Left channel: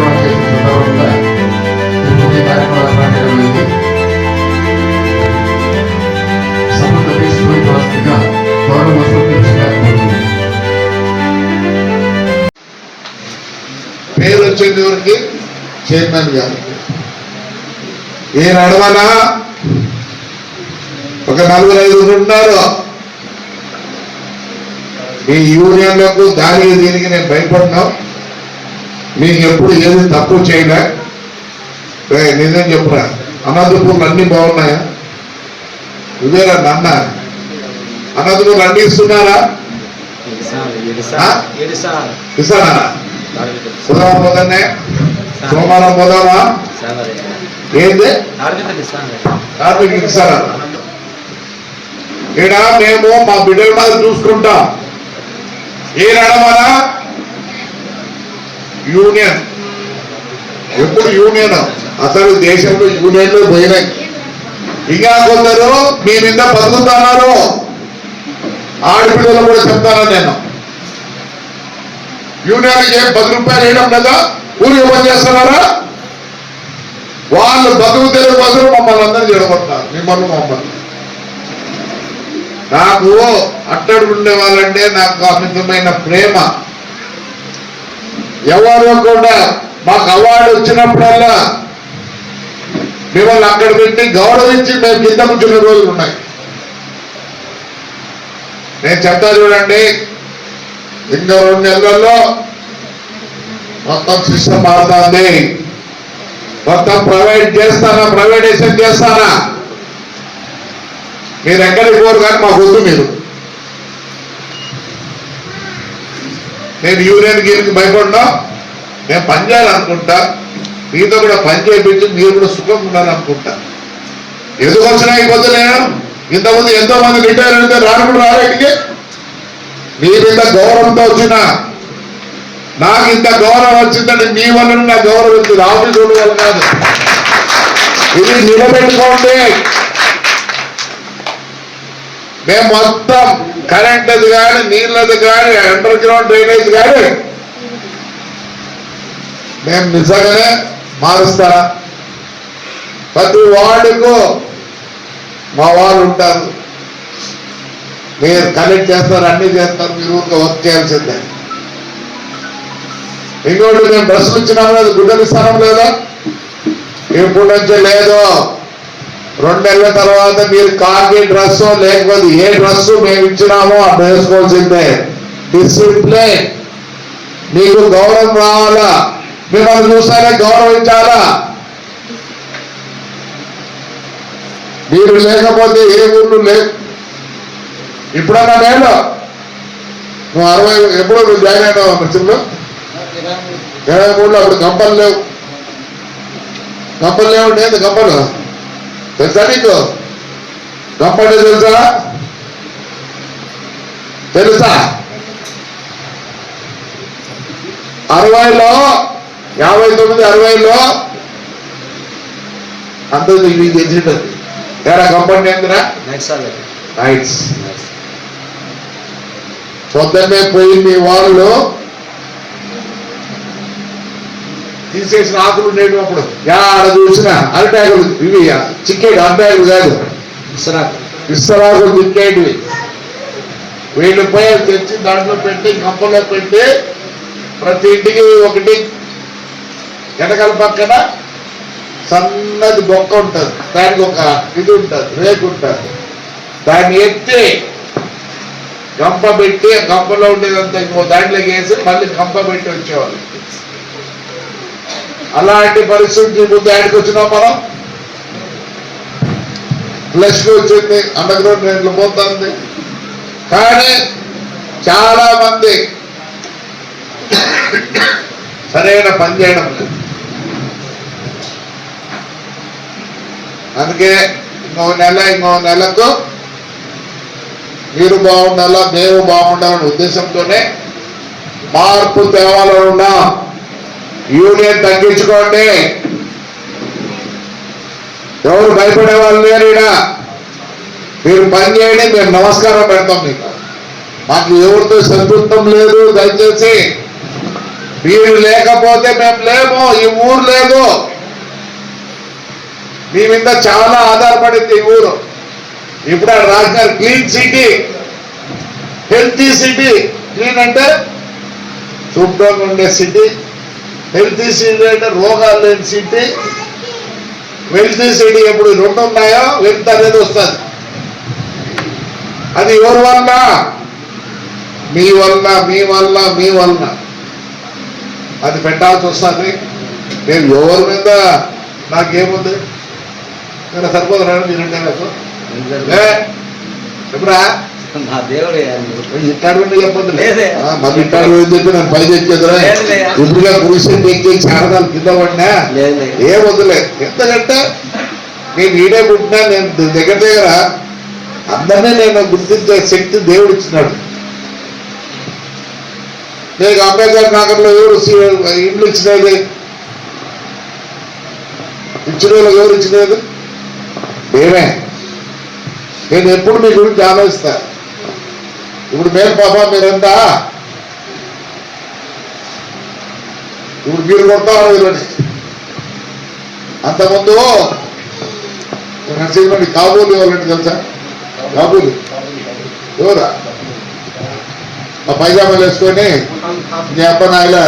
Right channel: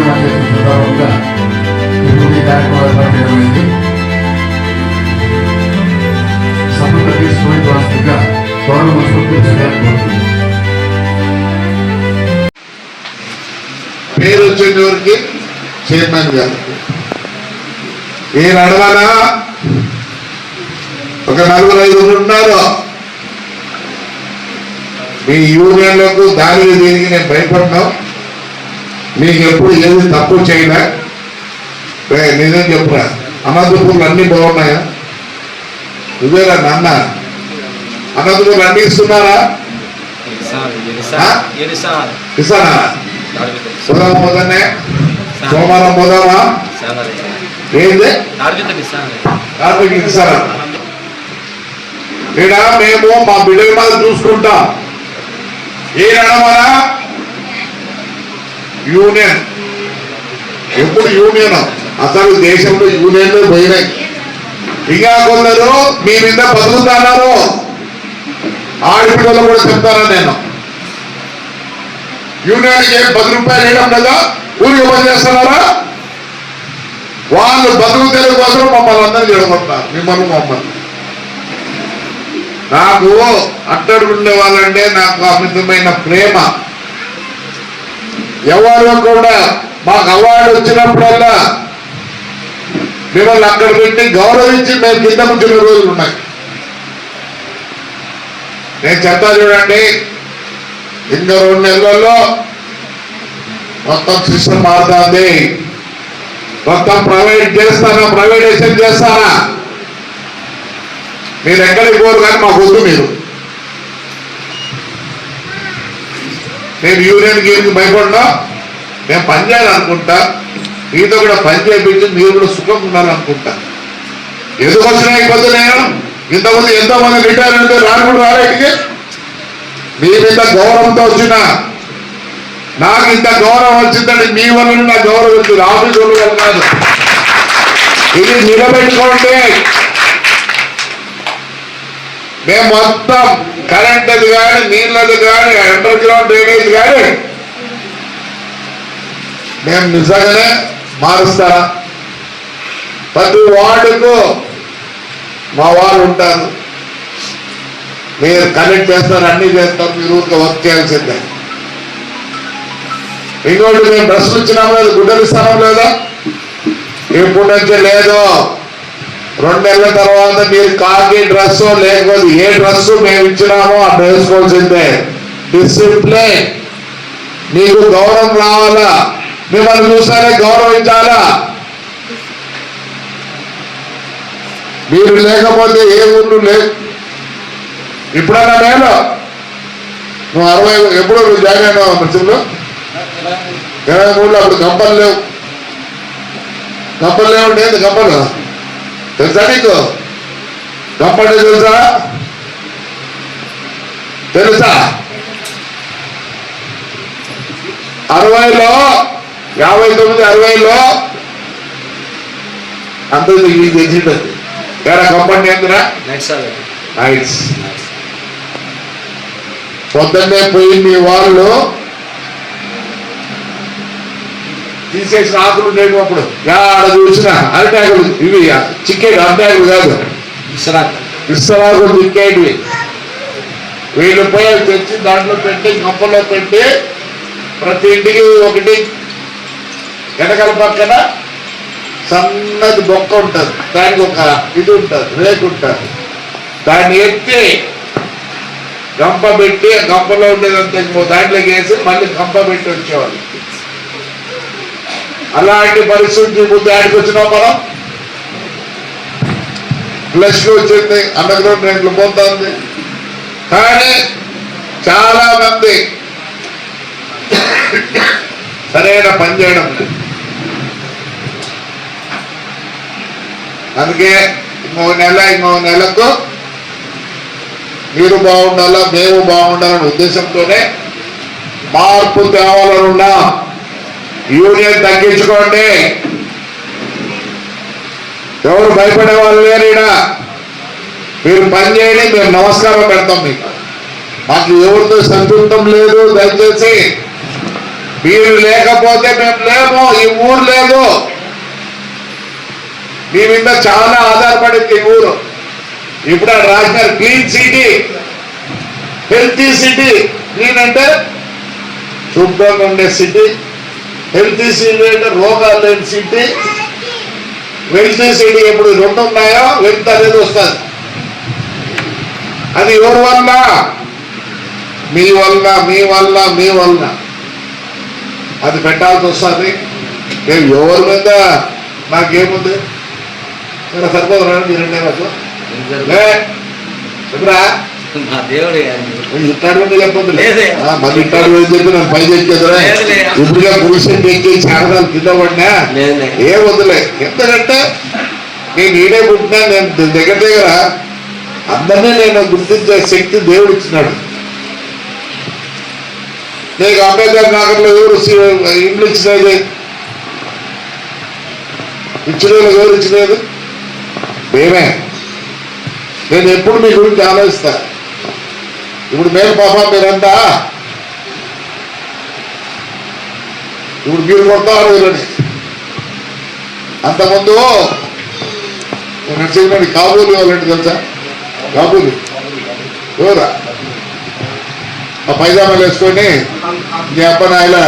పదవి చేసిన వరకు ఇప్పుడు కార్యక్రమం ఏర్పాటు చేయడం సమగ్ర తీసుకుని వాస్తుగా గౌరవ చైర్మన్ గారు. ఈ నడవనా ఒక నలుగురు ఐదుగురు ఉన్నారు? మీ యూనియన్లకు దానికి దీనికి నేను భయపడ్డాం మీకు ఎప్పుడు ఏది తప్పు చేయలే నిజం చెప్పురా? అనంతపూర్లు అన్ని బాగున్నాయా? ఇదేరా నాన్న. అనంతపూర్లు అన్ని ఇస్తున్నారా? ఆ? ఇస్తానా సోమవారం పోతానే సోమవారం పోదామా? ఏంది? కార్తీక్ ఇస్తారా? ఇక్కడ మేము మా బిడ్డల మీద చూసుకుంటాం. ఏ నడమనా యూనియన్. ఎప్పుడు యూనియన్? అసలు దేశంలో యూనియన్లు పోయినాయి. ఇంకా కొందరు మీ మీద బతుకుతున్నారు ఆడపిల్లలు కూడా చెప్తాను నేను. యూనియన్కి ఏం పది రూపాయలు వేయడం కదా ఊరికి పని చేస్తున్నారా వాళ్ళు బతుకు తెలుగు కోసం మమ్మల్ని అందరూ చెడగొడతారు మిమ్మల్ని మమ్మల్ని. నాకు అట్టడు ఉండే వాళ్ళంటే నాకు అమితమైన ప్రేమ. ఎవరు కూడా మాకు అవార్డు వచ్చినప్పుడల్లా మిమ్మల్ని అక్కడ పెట్టి గౌరవించి మేము కింద ముంచిన రోజులు ఉన్నాయి. నేను చెప్తా చూడండి ఇంకా రెండు నెలల్లో మొత్తం సిస్టమ్ మారుతుంది. మొత్తం ప్రైవేట్ చేస్తానా? ప్రైవేటైజేషన్ చేస్తానా? మీరు ఎక్కడికి పోరు కానీ మాకు వద్దు మీరు. నేను యూనియన్ గేమ్కి భయపడ్డా? నేను పని చేయాలనుకుంటా. మీతో కూడా పని చేయించి మీరు కూడా సుఖంగా ఉండాలనుకుంటా. ఎందుకు వచ్చినా ఇబ్బంది నేను? ఇంతకుముందు ఎంతో మంది రిటైర్ అయితే రాను రాలేటికి మీ మీద గౌరవంతో వచ్చిన నాకు ఇంత గౌరవం వచ్చిందని మీ వల్ల నా గౌరవం వచ్చింది ఆఫీస్ వల్ల కాదు. ఇది నిలబెట్టుకోండి. మేము మొత్తం కరెంట్ది కానీ నీళ్ళది కానీ అండర్ గ్రౌండ్ డ్రైనేజ్ కానీ మేము నిజంగానే మారుస్తా ప్రతి వార్డుకు మా వాళ్ళు ఉంటారు. మీరు కనెక్ట్ చేస్తారు అన్ని చేస్తారు మీరు ఊరికే వర్క్ చేయాల్సిందే. ఇంకోటి మేము డ్రెస్సులు ఇచ్చినాము గుడ్డలు ఇస్తాం లేదా? ఇప్పుడు నుంచి లేదు. రెండు నెలల తర్వాత మీరు కాకి డ్రెస్ లేకపోతే ఏ డ్రెస్ మేము ఇచ్చినామో ఆ వేసుకోవాల్సిందే డిసిప్లిన్ నీకు గౌరవం కావాలా మిమ్మల్ని చూసానే గౌరవించాలా? మీరు లేకపోతే ఏ ఊళ్ళు లేదు ఇప్పుడన్నా నేను? నువ్వు అరవై ఎప్పుడు నువ్వు జాయిన్ అయినావు మిత్రులు ఇరవై మూడులో అప్పుడు గంపలు లేవు. గంపలు లేవు లేదు గంపలు తెలుసా నీకు? గంపలు తెలుసా? తెలుసా? అరవైలో యాభై తొమ్మిది అరవైలో అంత మీకు తెలిసింది. వేరే కంపెనీ ఏందిరా నైట్స్ పొద్దున్నే పోయి మీ వాళ్ళు తీసేసిన ఆకులు ఉండేవి అప్పుడు. ఆడ చూసిన అరటాకులు ఇవి చిక్కేవి అరటాకులు కాదు. ఇస్తరాకులు చిక్కేటివి. వీళ్ళు పోయి తెచ్చి దాంట్లో పెట్టి గంపలో పెట్టి ప్రతి ఇంటికి ఒకటి. వెనకాల పక్కన సన్నది బొక్క ఉంటుంది. దానికి ఒక ఇది ఉంటుంది రేకు ఉంటుంది. దాన్ని ఎత్తి గంప పెట్టి గంపలో ఉండేదంతా ఇంకో దాంట్లోకి వేసి మళ్ళీ గంప పెట్టి వచ్చేవాళ్ళు అలాంటి పరిస్థితి ముందు ఆడికి వచ్చినాం మనం ఫ్లష్ వచ్చింది అందులో నేను పోతుంది కానీ చాలా మంది సరైన పని చేయడం లేదు. అందుకే ఇంకో నెల ఇంకో నెలకు మీరు బాగుండాలా మేము బాగుండాలనే ఉద్దేశంతోనే మార్పు తేవాలనున్నా యూనియన్ తగ్గించుకోండి. ఎవరు భయపడే వాళ్ళు లేరు ఈడ. మీరు పని చేయండి మేము నమస్కారం పెడతాం మీకు. మాకు ఎవరితో సంతృప్తం లేదు దయచేసి. మీరు లేకపోతే మేము లేము ఈ ఊరు లేదు. మీ మీద చాలా ఆధారపడింది ఈ ఊరు. ఇప్పుడు ఆడ రాసినారు clean city healthy city. Clean అంటే శుభ్రంగా ఉండే సిటీ. హెల్తీ సిటీ అంటే రోగాలు లేని సిటీ వెల్తీ సిటీ ఎప్పుడు రెండు ఉన్నాయో వెల్త్ అనేది వస్తుంది. అది ఎవరి వల్ల? మీ వల్ల మీ వల్ల మీ వల్ల. అది పెట్టాల్సి వస్తుంది. నేను ఎవరి మీద నాకేముంది? ఇక్కడ సరిపోతున్నా మీరంటే నాకు లే చెప్పరా? నా దేవుడే లేదే. ఏం చెప్పి నన్ను. ఇప్పుడుగా కూర్చొని ఎక్కి చారదాలు కింద పడినా? లేదులే. ఏ వద్దులే. ఎందుకంటే నేను ఈడే పుట్టినా నేను దగ్గర దగ్గర అందరినీ నేను గుర్తించే శక్తి దేవుడు ఇచ్చినాడు. నీకు అంబేద్కర్ నగర్లో ఎవరు ఇండ్లు ఇచ్చినది? ఇచ్చిన ఎవరు ఇచ్చినది? మేమే. నేను ఎప్పుడు మీ గురించి ఆలోచిస్తా. ఇప్పుడు మేము పాప మీరంతా. ఇప్పుడు మీరు కొడతారు వీళ్ళని. అంతకుముందు నడిచేటువంటి కాబూలు ఎవరంటే తెలుసా? కాబూలు. ఎవరా? ఆ పైజామాలు వేసుకొని మీ అప్ప నాయన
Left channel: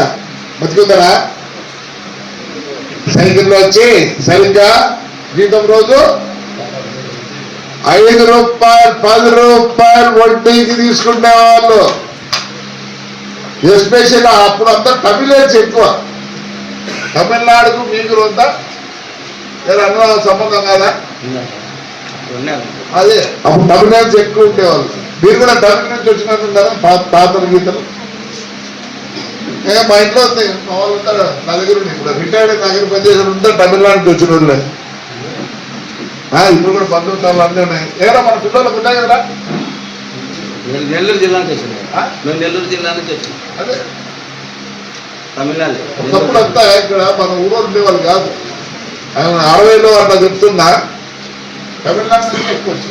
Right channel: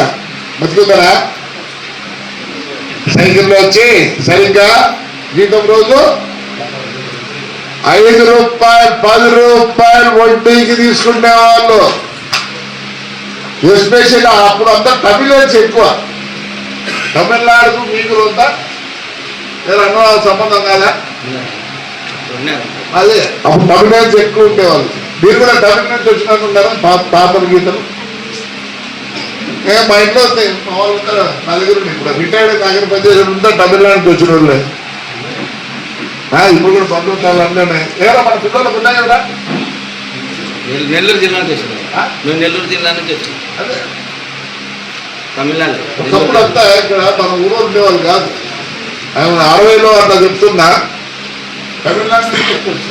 బతుకుతారా? సైకిల్లో వచ్చి సరిగ్గా జీతం రోజు ఐదు రూపాయలు పది రూపాయలు వడ్డీకి తీసుకునే వాళ్ళు ఎస్పెషల్ అప్పుడు అంతా తమిళన్స్ ఎక్కువ. తమిళనాడుకు మీకు ఉందా లేదా అన్న సంబంధం కాదా? అదే. అప్పుడు తమిళనాడు ఎక్కువ ఉండేవాళ్ళు. మీరు కూడా తమిళ నుంచి వచ్చినట్టున్నారా? పాత గీతలు? మా ఇంట్లో వస్తాయి మా వాళ్ళు ఉంటారు నలుగురు దగ్గర ఇప్పుడు రిటైర్డ్ కాగిన పనిచేసిన ఉంటే తమిళనాడుకి వచ్చిన వాళ్ళు ఇప్పుడు కూడా ఉన్నాయి ఏరా మన పిల్లలకు ఉన్నాయి కదా నేను నెల్లూరు జిల్లా నుంచి వచ్చిన? మేము నెల్లూరు జిల్లా నుంచి వచ్చిన. అదే. తమిళనాడు. ఒకప్పుడు అంతా ఇక్కడ మన ఊరు ఉండేవాళ్ళు కాదు. ఆయన అరవైలో అట్లా చెప్తున్నా. తమిళనాడు నుంచి.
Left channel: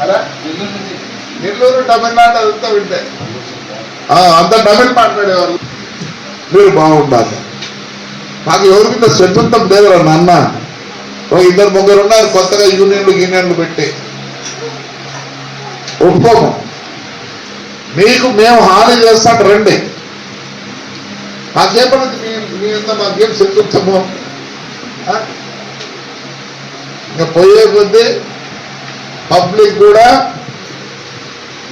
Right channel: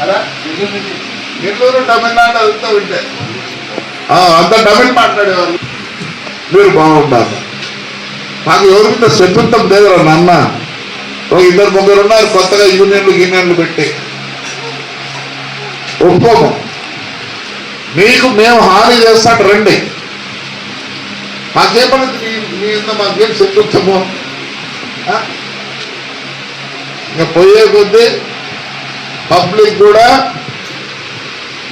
అలా? నెల్లూరు తమిళనాడు అంతా ఆ, అంత తమిళ్ మాట్లాడేవాళ్ళు. మీరు బాగుండాలి. నాకు ఎవరి మీద శత్రుత్వం లేదురా నాన్న. ఒక ఇద్దరు ముగ్గురు ఉన్నారు కొత్తగా యూనియన్లు యూనియన్లు పెట్టి. ఒప్పుకోము. మీకు మేము హాని చేస్తాం రండి. మాకేమన్నది మీ మీ ఇంత మాకేం చెప్పుతాము ఇంకా పోయే కొద్దీ పబ్లిక్ కూడా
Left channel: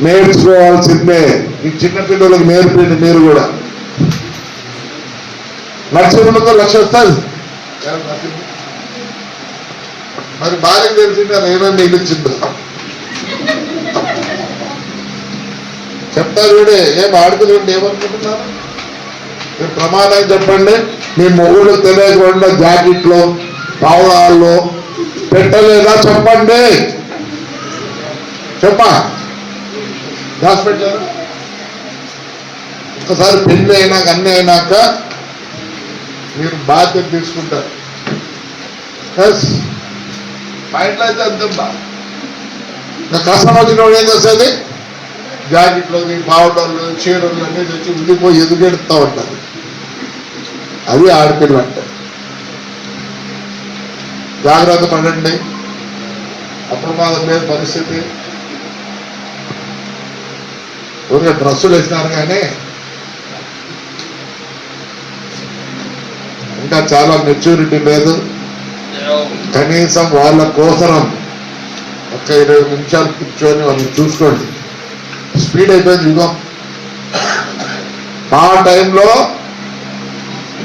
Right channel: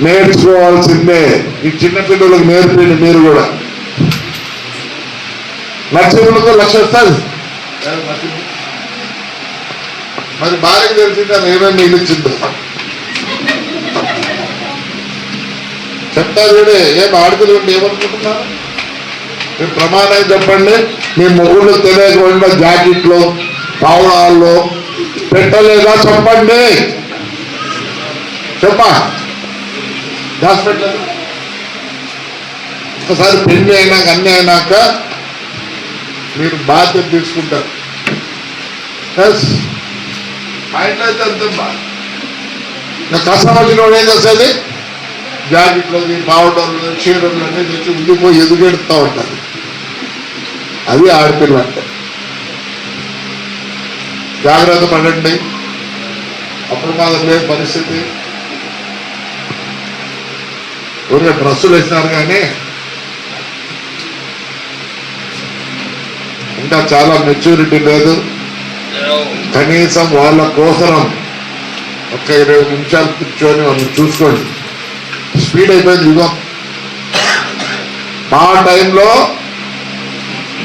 నేర్చుకోవాల్సిందే. ఈ చిన్న నేర్పండి మీరు కూడా. లక్ష రూపాయలతో లక్ష వస్తుంది. మరి భార్యకు తెలిసిందా అది ఏమేమి చెప్తా చూడే ఏం ఆడుకుని ఉండి ఏమనుకుంటున్నారు? మీరు ప్రమాణం చెప్పండి మీ మొగుళ్ళు తెలియకుండా జాకెట్లో పావురాల్లో పెట్టలేదా చెప్పండి. చెప్పా. హాస్పిటల్ ఒకసారి పెళ్ళి అయినాక అన్ని అయినాక మీరు బాధ్యత తీసుకుంటారు. ఎస్ మా ఇంట్లో అయితే అంతమ్మా కష్టం వచ్చిన ఏం చేస్తుంది? జాకెట్లు పావటంలో చీరలు అన్నీ తెచ్చి ఉండిపోయి ఎదుగెడుతూ ఉంటారు. అది ఆడపిల్ల అంటే జాగ్రత్త పడండి. అప్రమాదం లేని పరిస్థితి. ఊరికే డ్రస్సులు వేసినారు కానీ ఇంకా చాలా మెచ్యూరిటీ లేదు. కనీసం వాళ్ళ కోసరం ఒక ఇరవై నిమిషాలు కూర్చొని వాళ్ళని చూసుకోండి. స్పీడ్ అయిపోయింది యుగం మా టైంలో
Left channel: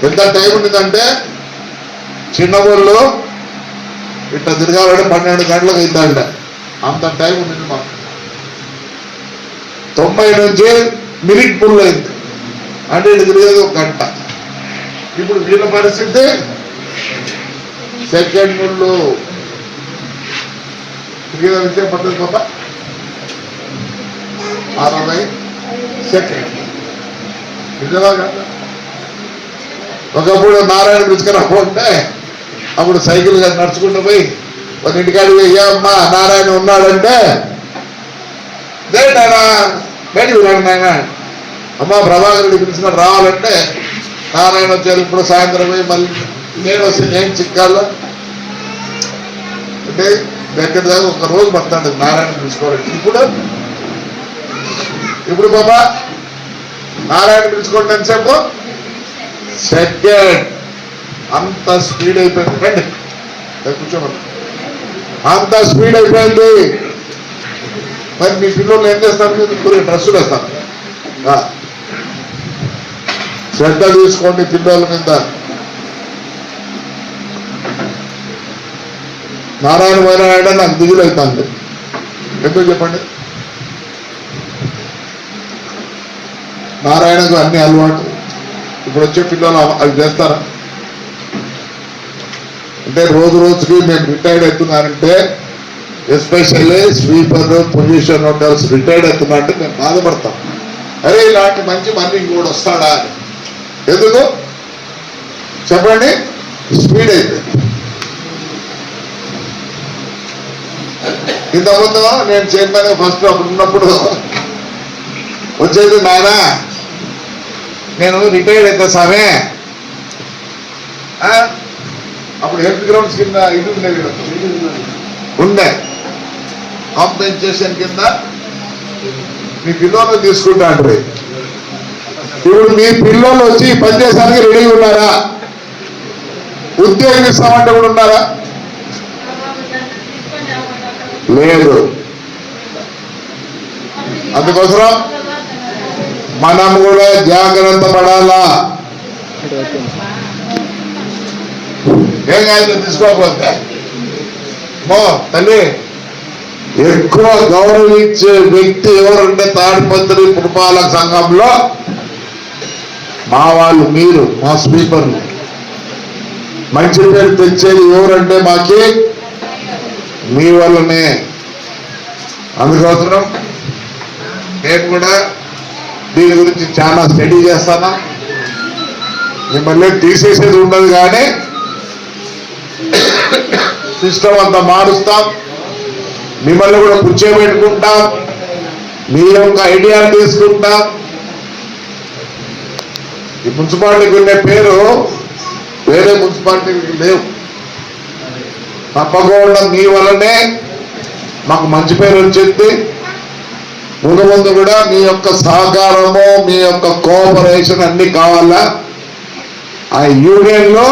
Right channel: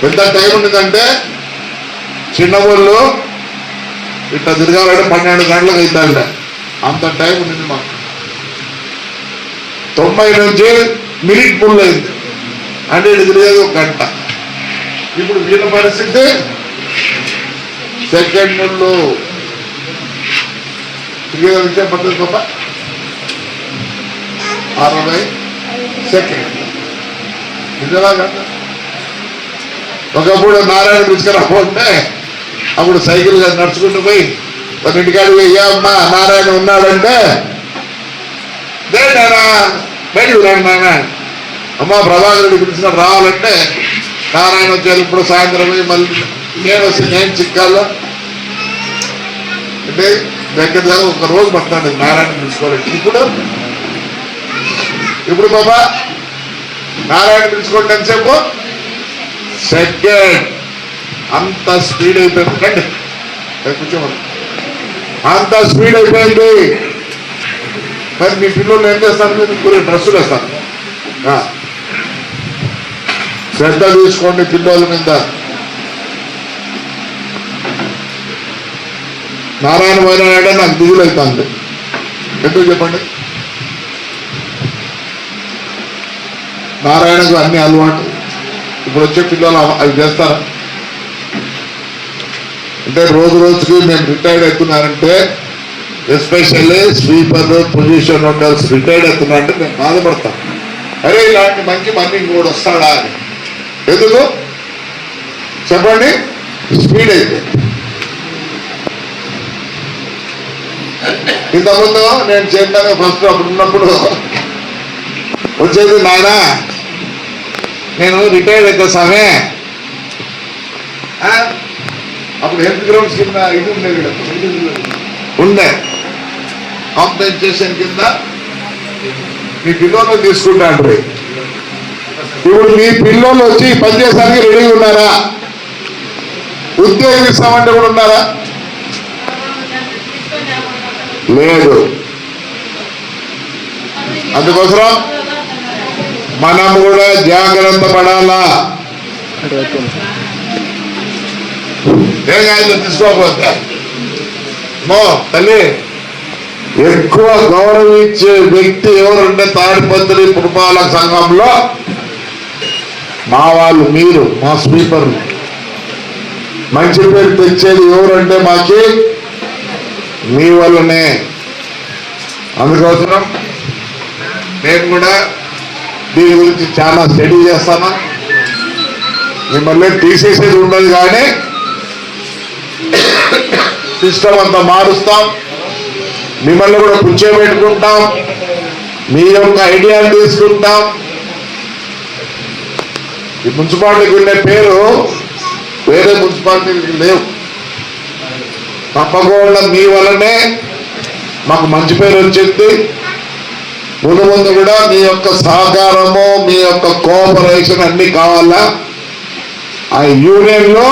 ఎంత టైం ఉండిందంటే చిన్నవాళ్ళు ఇట్లా తిరగాలంటే పన్నెండు గంటలకు అవుతాడ అంత టైం ఉండింది మాకు. తొంభై నుంచి మినిట్ ఫుల్ అయింది అంటే తిరిగేది ఒక గంట. ఇప్పుడు వీళ్ళ పరిస్థితి సెకండ్ ముళ్ళు తిరిగే విషయం పద్ధతి పాప అరవై సెకండ్ ఇంతలాగా ఒకప్పుడు నారాయణ తీసుకురాకుంటే అప్పుడు సైకిల్ నడుచుకుంటూ పోయి ఒక ఇంటికాడికి ఏ అమ్మా నారాయణ ఉన్నాడంటే "దే బయటికి రండి అమ్మా అమ్మ ప్రభాకరుడు పిలిచిన రావాలంటే నారాయణ వచ్చారు ఇప్పుడు సాయంత్రం పోయి మళ్ళీ నేను వస్తే నేను చిక్కాలా అంటే దగ్గర దగ్గర ఒక రోజు పడుతుంది నారాయణ పిలుచుకోవడానికి ఇప్పుడు ఇప్పుడు బాబా నారాయణ పిలుచుకోవడం ఎంతసేపు? సెకండ్. అంత స్పీడ్ అయిపోయింది. రండి. కూర్చోండి అంత స్పీడ్ అయిపోయింది. మరి మీ పిల్లలు ఏం చేస్తారు? మీరు కొన్ని డ్రెస్సులు వేస్తారు. శ్రద్ధ తీసుకోండి పిల్లల మీద. నారాయణ పోయినాడే నాకు దిగులు అవుతాను ఎందుకు చెప్పండి? నారాయణకు అన్ని అలవాటు ఇప్పుడు వచ్చే పిల్లలు అవి చేస్తారా? అంటే రోజు రోజుకి మేము retired అవుతున్నానంటే especially sweeper position hotels retired అవుతున్నారంటే మేము బాధపడతాం. అరే ఇలాంటి మంచి మనీ కూడా వస్తాడా అని. ఎందుకు? చెప్పండి. స్పీడ్ అయిపోయింది. ఇంతకుముందు నేను చైర్మన్ ఫస్ట్ అప్పుడు ఉన్నప్పుడు వచ్చేది నాయన. నేను రిటైర్డ్ అయితే సామే. అప్పుడు హెల్త్ గ్రౌండ్స్ కింద ఇది ఉండేది ఉండే కాంపెన్సేషన్ కింద మీ పిల్లలు తీసుకుంటాండ్రి ఇప్పుడు మీ పిల్లలు వచ్చి పనిచేయడానికి రెడీగా ఉన్నారా? ఉద్యోగం ఇస్తామంటే కూడా ఉన్నారా? లేదు. అందుకోసం మనం కూడా జాగ్రత్త పడాలా? ఏం తీసుకోకపోతే. మో తల్లి. ఎక్కువ గౌరవించే వ్యక్తి ఎవరంటే తాడిపత్రి పురపాలక సంఘంలో మా వాళ్ళు మీరు మా స్పీకర్లు మంచి పేరు తెచ్చేది ఎవరంటే మాకి మీ వల్లనే. అందుకోసం నేను కూడా దీని గురించి చాలా స్టడీ చేస్తాను. మిమ్మల్ని తీసేసేది ఉండదు కానీ సిస్టమ్ అంతా మారుస్తాం. మిమ్మల్ని కూడా కూర్చోబెట్టుకుంటాం మీ యొక్క ఐడియాలు తీసుకుంటాం. ఈ మున్సిపాలిటీకి ఉండే పేరు వేరే మున్సిపాలిటీకి లేవు. తప్పకుండా మీ వల్లనే మాకు మంచి పేరు వచ్చింది. ముందు ముందు కూడా మీ యొక్క సహకారము మీ యొక్క కోఆపరేషన్ అన్ని కావాలా. ఆ యూనియన్లో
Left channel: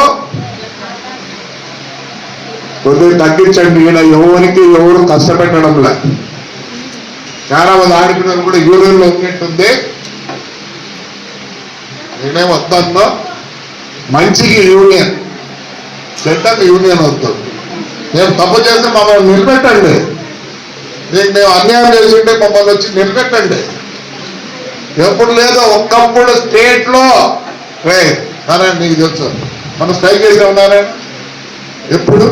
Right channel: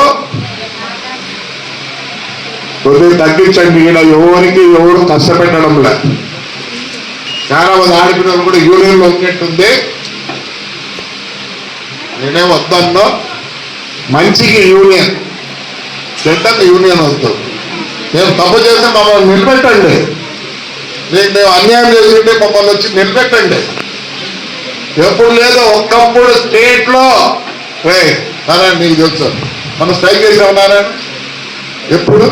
కొద్దిగా తగ్గించండి. ఈయన ఎవరికి ఎవరు కష్టపెట్టడంలా. చాలా మంది ఆడపిల్లలు కూడా యూనియన్లో ఉన్నట్టుంది. నేనే వద్దన్నో మంచికి యూనియన్ చెడ్డకు యూనియన్ అవుతుంది. నేను తప్పు చేస్తే మమ్మల్ని నిలబెట్టండి. నేను మేము అన్యాయం చేస్తుంటే మమ్మల్ని వచ్చి నిలబెట్టండి. ఎప్పుడు లేదో ఒక్కప్పుడు స్టేట్లో రే నారాయణ నీకు తెలుసు. మనం స్ట్రైక్ చేసి ఉన్నారా ఎప్పుడు?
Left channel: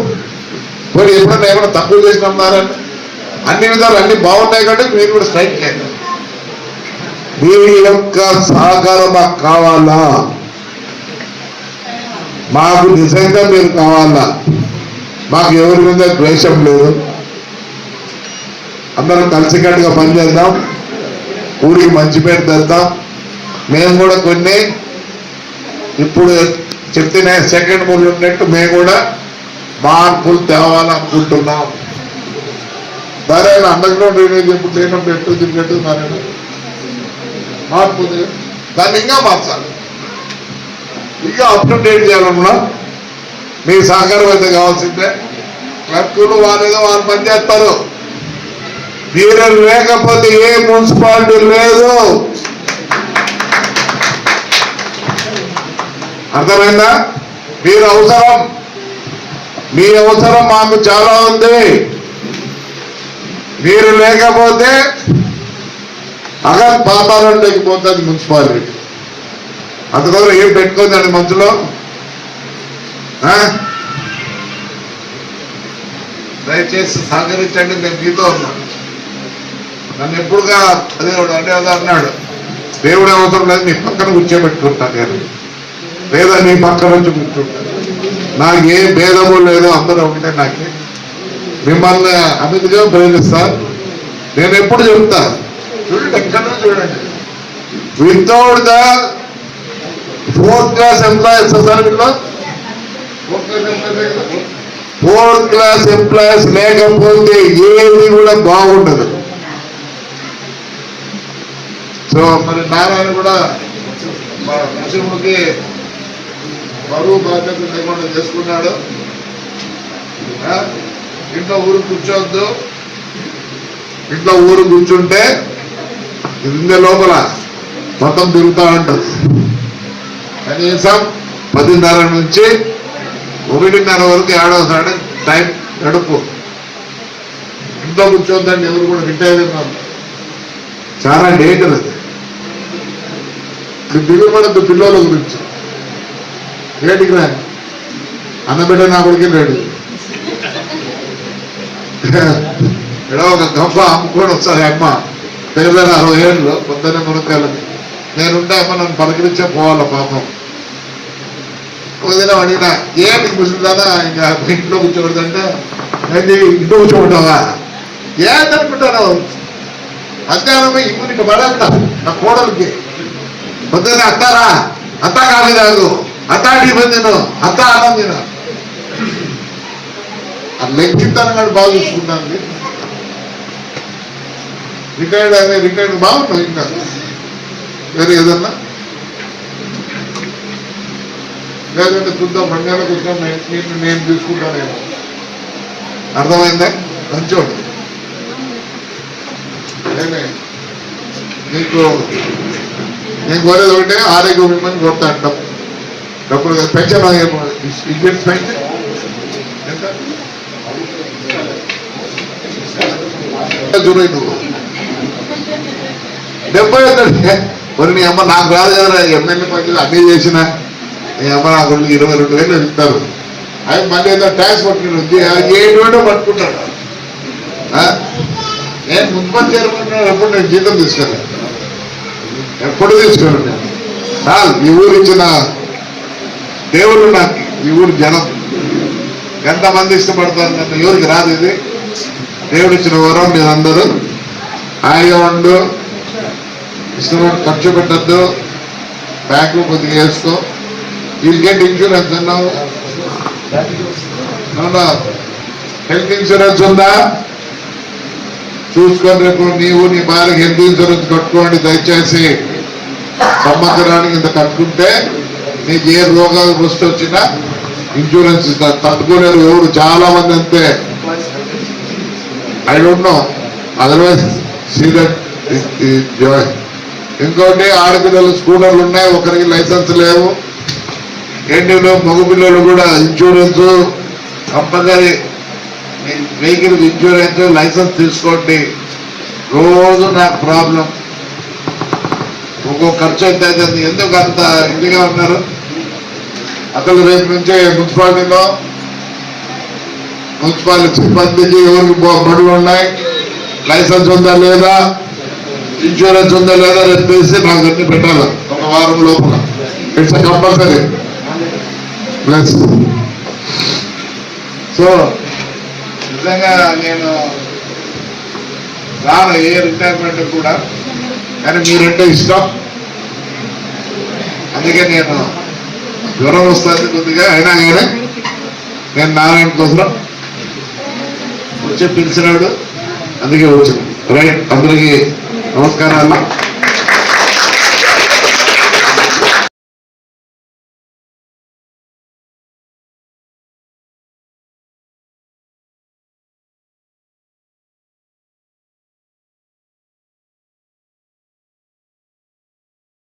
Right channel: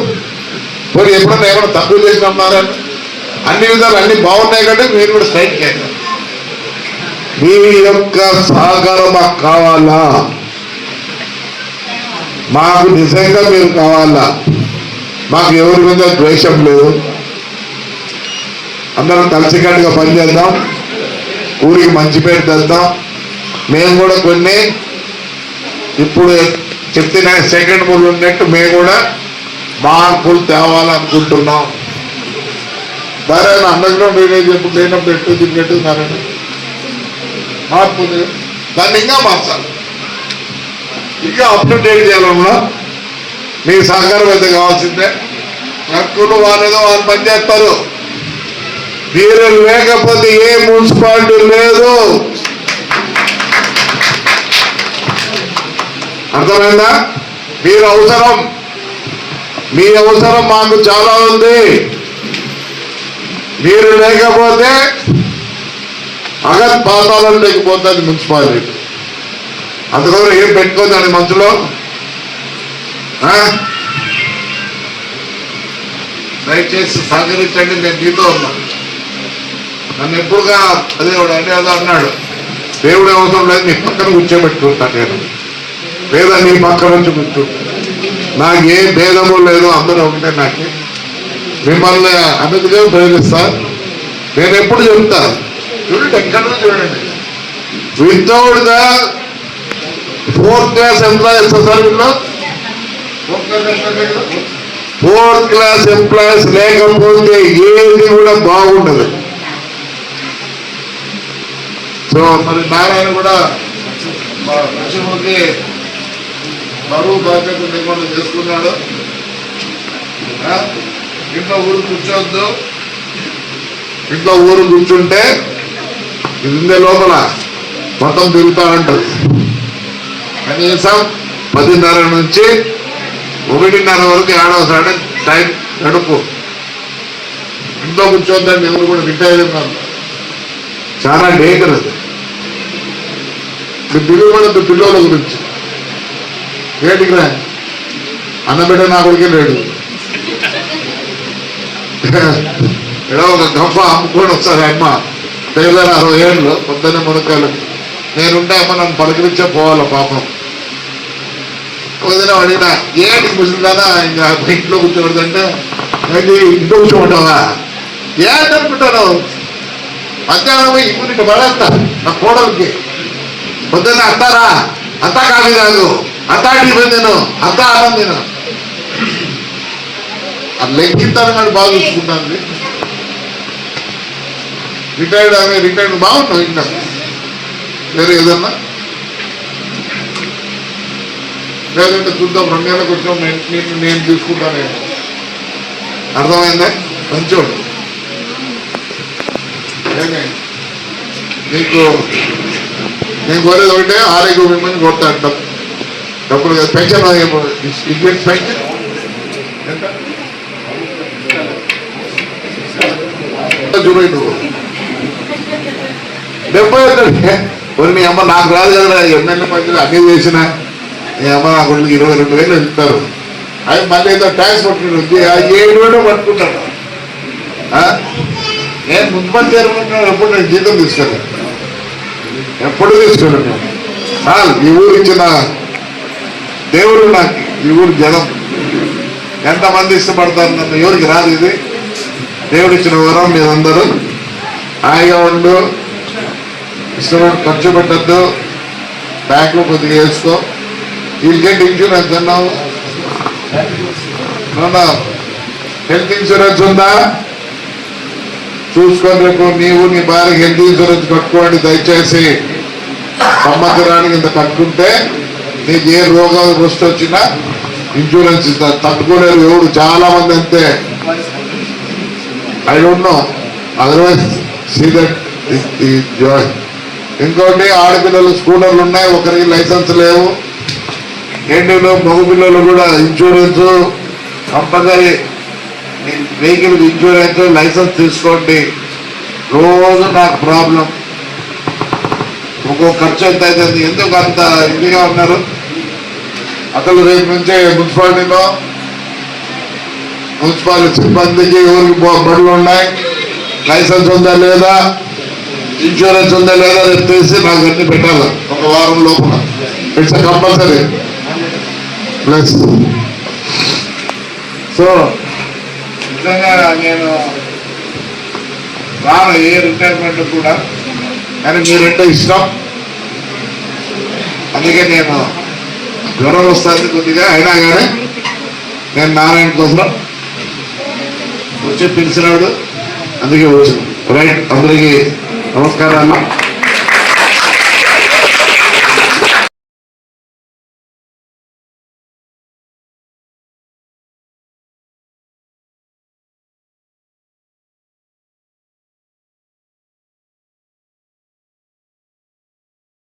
పోనీ ఎప్పుడన్నా ఏమైనా తక్కువ చేసినాం నారాయణ? అన్ని విధాలు అన్ని బాగున్నాయి కంటే మీరు కూడా స్ట్రైక్ చేయండి. మీ యొక్క సహకారం మాకు కావాలా? మాకు నిజంగా మీరు కావాలా? మాకు ఎవరి మీద ద్వేషం లేదు. అందరం కలిసికట్టుగా పనిచేద్దాం. ఊరికి మంచి పేరు తెద్దాం. మేము కూడా కొన్ని ఇప్పుడు చెప్పిన సెకండ్ మూడు ఉన్నట్టు మేము కూడా మార్పులు తేవాలనుకుంటున్నాం. సరే అండర్గ్రౌండ్ డ్రైనేజ్ ఎప్పుడు లేనప్పుడు ఎట్టు తిరిగట్టు మార్పు దాన్ని ఇంకా మార్చాలి. ఇంకా అప్డేట్ డేట్ చేయాలన్నా మీ సహకారం అయితే కావాల్సిందే. ట్రక్కులు వాళ్ళేదో వాళ్ళు పని చేస్తారు మీరు లేకపోతే ఏ మున్సిపాలిటీ లేదు. అర్థమైందా? మీరు అవసరం. మీ అవసరం మాకు చాలా ఉంది. మీరు లేకపోతే అగత్ పాతాళం పోతుంది మున్సిపాలిటీ. అందుకోసం ఏం పెట్టుకోండి మంచులో దయచేసి సహకరించండి నేను మీతో ఉన్నాను నన్ను ఎప్పుడుగా అదే అంటే అదే అన్నాడు. దేవుడు అవసరం లేదు నీ పక్కన కూర్చోబెట్టుకుంటాను నేను. లేదా నీ పక్క నుంచి కూర్చో నాకు ఏ భేదము లేదు అందరూ ఒకటే నాకు. మిమ్మల్ని అన్నిటిగా ప్రేమిస్తా నేను ఎప్పుడు చెప్తా? చూడండి ఎక్కడ చూడండి. Without the fourth class employees sir fourth class employees లేకపోతే ఏది కూడా బాగుండదు. సో మరి నారాయణ కూడా మా బరువు బాధ్యత లేకుండా చేసుకున్నాడు. ఇంట్లో ఊరు కూర్చోవద్దు ఇంట్లో ఊరు కూర్చుంటే ఇందే లోపల మొత్తం తిరుగుతూ ఉంటుంది. కనీసం పదిన్నర నుంచి ఒకటిన్నర వరకు ఏడవసారి టైం గడుపు ఇంట్లో కూర్చోద్దండి ఎవరు కూడా రిటైర్ అయినారు చాలా డేంజర్ అది. ఇప్పుడు తిరుగుబడద్దు పిల్లల గురించి. రేటుకి రా. అన్నబిడ్డ నా కొడుకు లేడు. ఇక్కడ ఒక గంప అమ్ముకొని వస్తారు అమ్మ. పేద అరవై ఏళ్ళు పొద్దున్న మునకాలకి నేనుంటే అమ్మ నన్ను పలకరించే పోవాలి పాపం. వదిన అడిగిన ఏంటి ముసలిదానా ఇంకా ఇంట్లో కూర్చోకూడదంటే ఏంటి ఇంట్లో కూర్చోమంటావా? ఏంటనుకుంటాను మధ్యాహ్నం ఇప్పుడు ఇక పడేస్తా. నా కోడలికి. పొద్దున్న అత్తారా? అత్త కాఫీ కాదు అత్త టిఫిన్ తిను. అత్త అన్నం తిను. ఆ లెక్కిస్తాను కానీ బాగా చూసుకుంటాను రిటైర్డ్ అనే రిటైర్డ్ బాగుంటావు ఇంకా. వేరే ఏదన్నా? లేదంటే చూద్దాం రెండు నెలలకు నేను నేను- నేను తీసుకుంటాను అర్థమైందా? మంచోడు ఏమే? నీకు నేను కోరేది ఒకటే ఆరోగ్యం మిమ్మల్ని కొడతా అంటాం డబ్బులు పెన్షన్ ఇండియన్ పెన్షన్. ఎంత? ఎంత చూడు నువ్వు డెబ్బై ఒకటి మరి మీ అమ్మ నాకు రాదు కదా ఎమ్మెల్యే పంచులు అన్నీ చేసినా. అమ్మ నా కొడుకు ఇరవై రెండు వేలు ఇస్తారు. అవి మళ్ళీ ఏదో ట్యాక్స్ పట్టుకుంటుంది ఏడు వేలు పట్టుకుంటాడు. నేను మున్సిపల్ చేరుకుంటున్నాను ఎప్పుడు నేను జీతం తీసుకెళ్ళాను ఎప్పుడు తీసుకెళ్ళాను ఈ ఊరు ఇచ్చిన దేవుడు నాకు ఈ ఊరు జనం. ఎంతమంది ఇష్టపడతారు నన్ను ఎవరికి రాదు ఇది. దేవుడు ఇచ్చిన వరం మీరందరూ. హాయిగా ఉండు. ఇష్టమైన ఖర్చు పెట్టద్దు. బ్యాంకులో కొద్దిగా వేసుకో. వీళ్ళు గెట్ ఇన్సూరెన్స్ అన్నావు హెల్త్ ఇన్సూరెన్స్ ఉందా? చూసుకొని రేపు నీవు నీ భార్య హెల్త్ ఇన్సూరెన్స్ కట్టుకోండి దయచేసి సంవత్సరానికి ఇంత కట్టుకుంటే నీకు ఏ రోగాలు వృష్టి వచ్చినా ఇన్సూరెన్స్ ఇస్తారు తట్టుకోలేరు ఎవరు చాలా మంది అంతే ఐ డోంట్ నో అదర్వైజ్ సీరియట్ జాయ్ ఇంకోటి ఆడపిల్లలు స్కూటర్లు ఉన్నాయి ఒకరికి లైసెన్స్ లేవు. ఏంటిలో మగపిల్లలు కూడా insurance compulsory vehicle insurance licence తీసుకోండి. రోజు నాకు ప్రాబ్లం ఒక్కొక్క ఖర్చు ఎంత అవుతుంది? ఎందుకు అంత ఇదిగా ఉన్నారు? అసలు రేపు నుంచే మున్సిపాలిటీలో మున్సిపాలిటీ సిబ్బందికి ఎవరికి బడులు ఉన్నాయి? లైసెన్స్ ఉందా లేదా? ఇన్సూరెన్స్ ఉందా లేదా? రేపు నాకు అన్ని పెట్టాలి. ఒక వారం లోపల. ఇట్స్ కంపల్సరీ ప్లస్ సో నిజంగా నేను రాను ఏ రిటైర్మెంట్ కూడా కానీ మీరంటే ఇష్టం. అందుకే నేను జ్వరం వస్తుంది కొద్దిగా అయినా కానీ నేను నారాయణ కోసం వచ్చి పిలిచినాడు. అందుకే వచ్చాను. రైట్ అందరికీ నమస్కారాలు.